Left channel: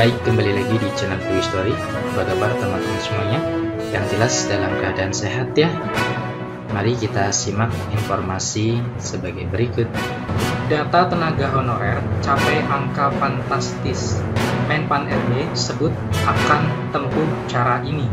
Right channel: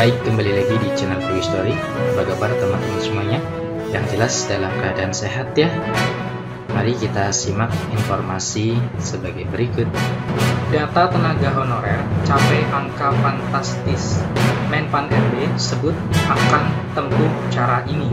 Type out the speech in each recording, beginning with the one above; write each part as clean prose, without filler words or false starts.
Baik, kembali lagi di channel Toy Story. Apa kabar teman-teman semuanya? Yang jelas dalam keadaan sehat ya. Mari kita simak informasi sebagai berikut. Data tenaga honorer capai angka fantastis. Menpan RB sebut akan tempuh cara ini.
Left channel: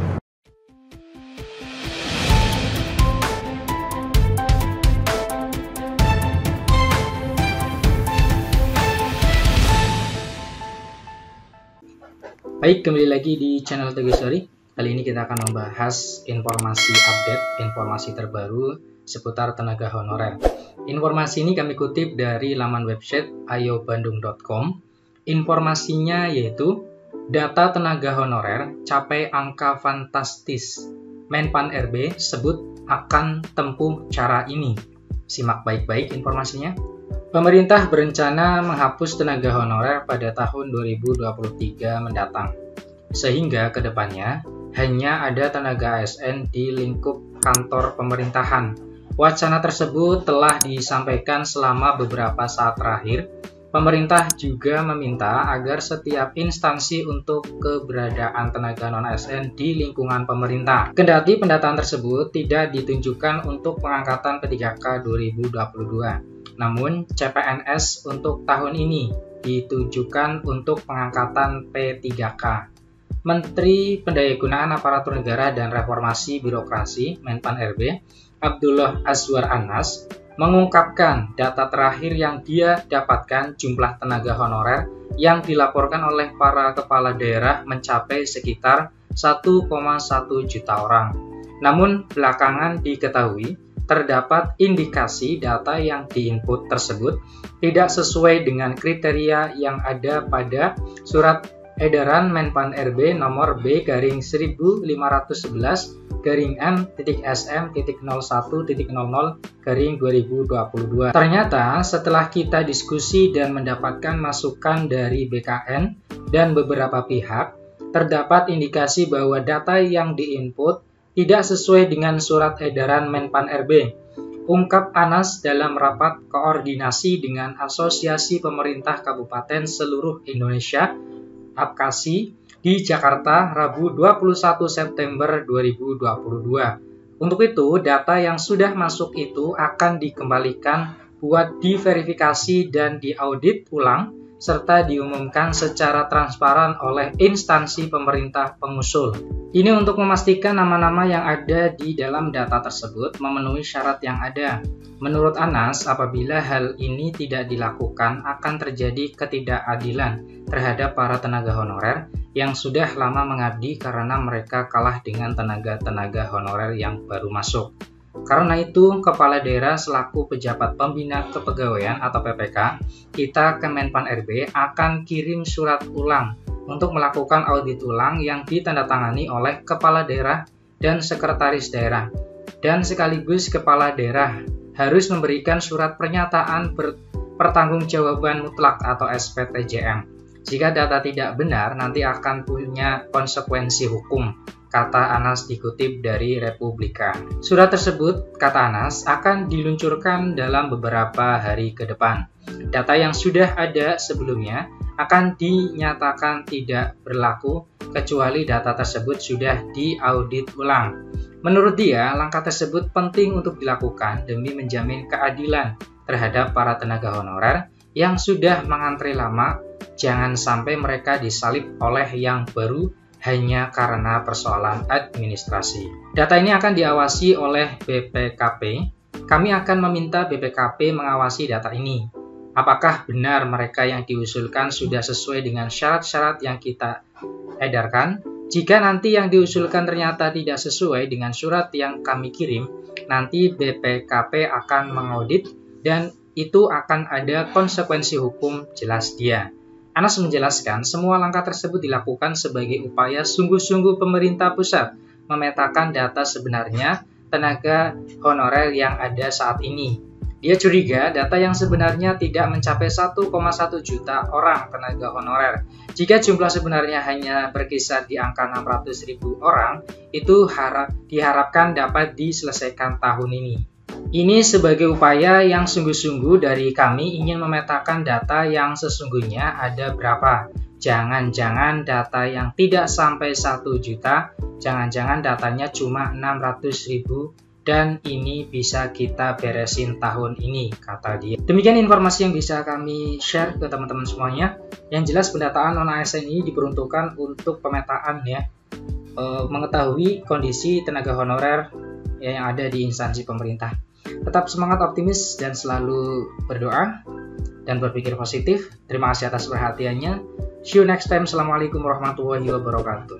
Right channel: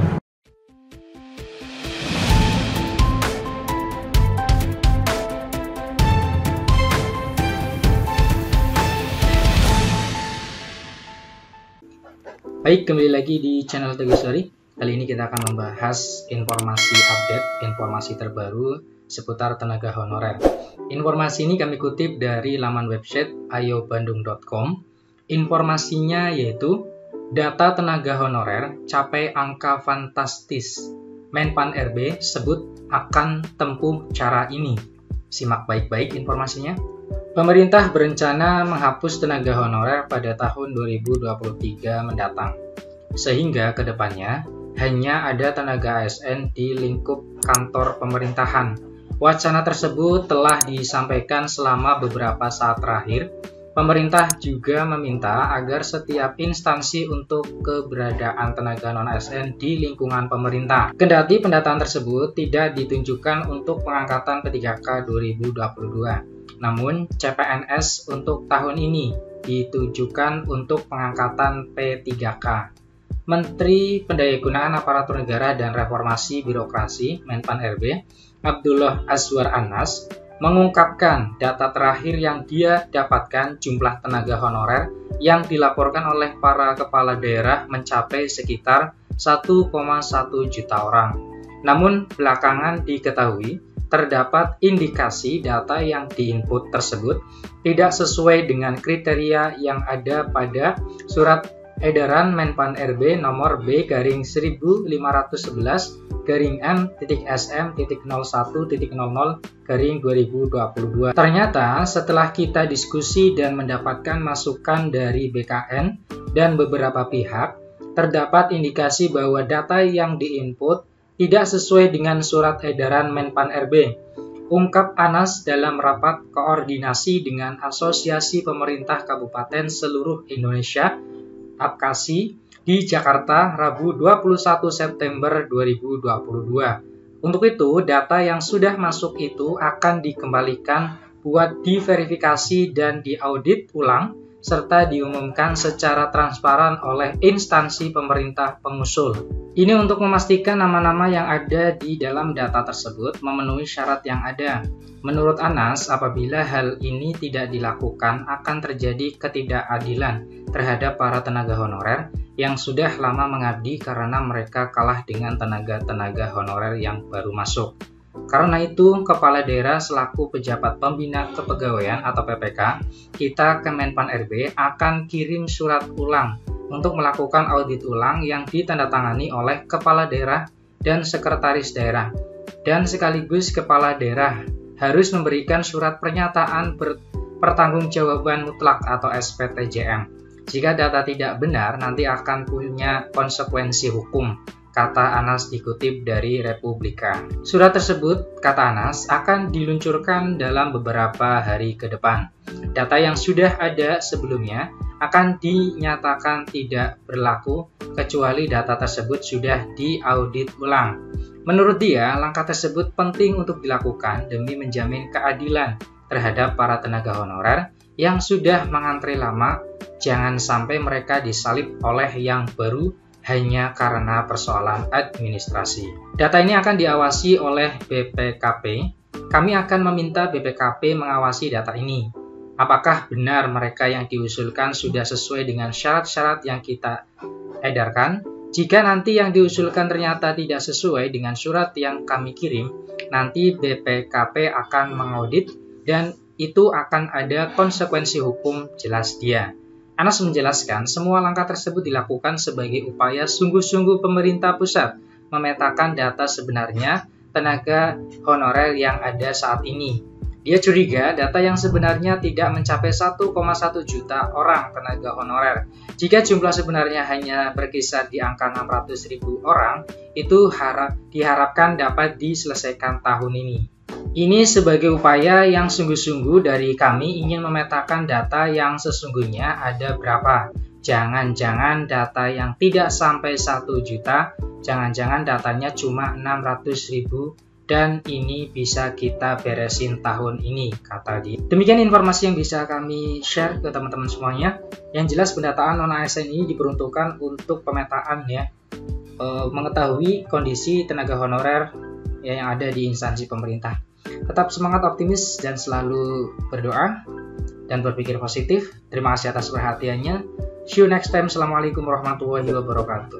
Baik, kembali lagi di channel Toy Story. Kali ini kita akan membahas informasi update, informasi terbaru seputar tenaga honorer. Informasi ini kami kutip dari laman website ayobandung.com. Informasinya yaitu data tenaga honorer capai angka fantastis. Menpan RB sebut akan tempuh cara ini. Simak baik-baik informasinya. Pemerintah berencana menghapus tenaga honorer pada tahun 2023 mendatang, sehingga kedepannya hanya ada tenaga ASN di lingkup kantor pemerintahan. Wacana tersebut telah disampaikan selama beberapa saat terakhir. Pemerintah juga meminta agar setiap instansi untuk keberadaan tenaga non-ASN di lingkungan pemerintah. Kendati pendataan tersebut tidak ditunjukkan untuk pengangkatan P3K 2022. Namun, CPNS untuk tahun ini ditujukan untuk pengangkatan P3K. Menteri Pendayagunaan Aparatur Negara dan Reformasi Birokrasi Menpan RB, Abdullah Azwar Anas, mengungkapkan data terakhir yang dia dapatkan jumlah tenaga honorer yang dilaporkan oleh para kepala daerah mencapai sekitar 1,1 juta orang. Namun, belakangan diketahui terdapat indikasi data yang diinput tersebut tidak sesuai dengan kriteria yang ada pada Surat Edaran Menpan RB nomor B/11-M.SM.00/2022. Ternyata setelah kita diskusi dan mendapatkan masukan dari BKN dan beberapa pihak, terdapat indikasi bahwa data yang diinput tidak sesuai dengan surat edaran Menpan RB, ungkap Anas dalam rapat koordinasi dengan Asosiasi Pemerintah Kabupaten Seluruh Indonesia (APKASI) di Jakarta Rabu 21 September 2022. Untuk itu, data yang sudah masuk itu akan dikembalikan buat diverifikasi dan diaudit ulang serta diumumkan secara transparan oleh instansi pemerintah pengusul. Ini untuk memastikan nama-nama yang ada di dalam data tersebut memenuhi syarat yang ada. Menurut Anas, apabila hal ini tidak dilakukan akan terjadi ketidakadilan terhadap para tenaga honorer yang sudah lama mengabdi karena mereka kalah dengan tenaga-tenaga honorer yang baru masuk. Karena itu, Kepala Daerah selaku Pejabat Pembina Kepegawaian atau PPK, kita ke Menpan RB akan kirim surat ulang untuk melakukan audit ulang yang ditandatangani oleh Kepala Daerah dan Sekretaris Daerah. Dan sekaligus Kepala Daerah harus memberikan surat pernyataan pertanggungjawaban mutlak atau SPTJM. Jika data tidak benar, nanti akan punya konsekuensi hukum, kata Anas dikutip dari Republika. Surat tersebut, kata Anas, akan diluncurkan dalam beberapa hari ke depan. Data yang sudah ada sebelumnya akan dinyatakan tidak berlaku kecuali data tersebut sudah diaudit ulang. Menurut dia, langkah tersebut penting untuk dilakukan demi menjamin keadilan terhadap para tenaga honorer yang sudah mengantre lama. Jangan sampai mereka disalib oleh yang baru hanya karena persoalan administrasi. Data ini akan diawasi oleh BPKP. Kami akan meminta BPKP mengawasi data ini. Apakah benar mereka yang diusulkan sudah sesuai dengan syarat-syarat yang kita edarkan? Jika nanti yang diusulkan ternyata tidak sesuai dengan surat yang kami kirim, nanti BPKP akan mengaudit dan itu akan ada konsekuensi hukum, jelas dia. Anas menjelaskan semua langkah tersebut dilakukan sebagai upaya sungguh-sungguh pemerintah pusat memetakan data sebenarnya tenaga honorer yang ada saat ini. Dia curiga data yang sebenarnya tidak mencapai 1,1 juta orang tenaga honorer. Jika jumlah sebenarnya hanya berkisar di angka 600.000 orang, itu diharapkan dapat diselesaikan tahun ini. Ini sebagai upaya yang sungguh-sungguh dari kami ingin memetakan data yang sesungguhnya ada berapa. Jangan-jangan data yang tidak sampai 1 juta, jangan-jangan datanya cuma 600.000 dan ini bisa kita beresin tahun ini, kata dia. Demikian informasi yang bisa kami share ke teman-teman semuanya. Yang jelas pendataan non-ASN ini diperuntukkan untuk pemetaan ya, mengetahui kondisi tenaga honorer yang ada di instansi pemerintah. Tetap semangat, optimis, dan selalu berdoa dan berpikir positif. Terima kasih atas perhatiannya. See you next time. Assalamualaikum warahmatullahi wabarakatuh.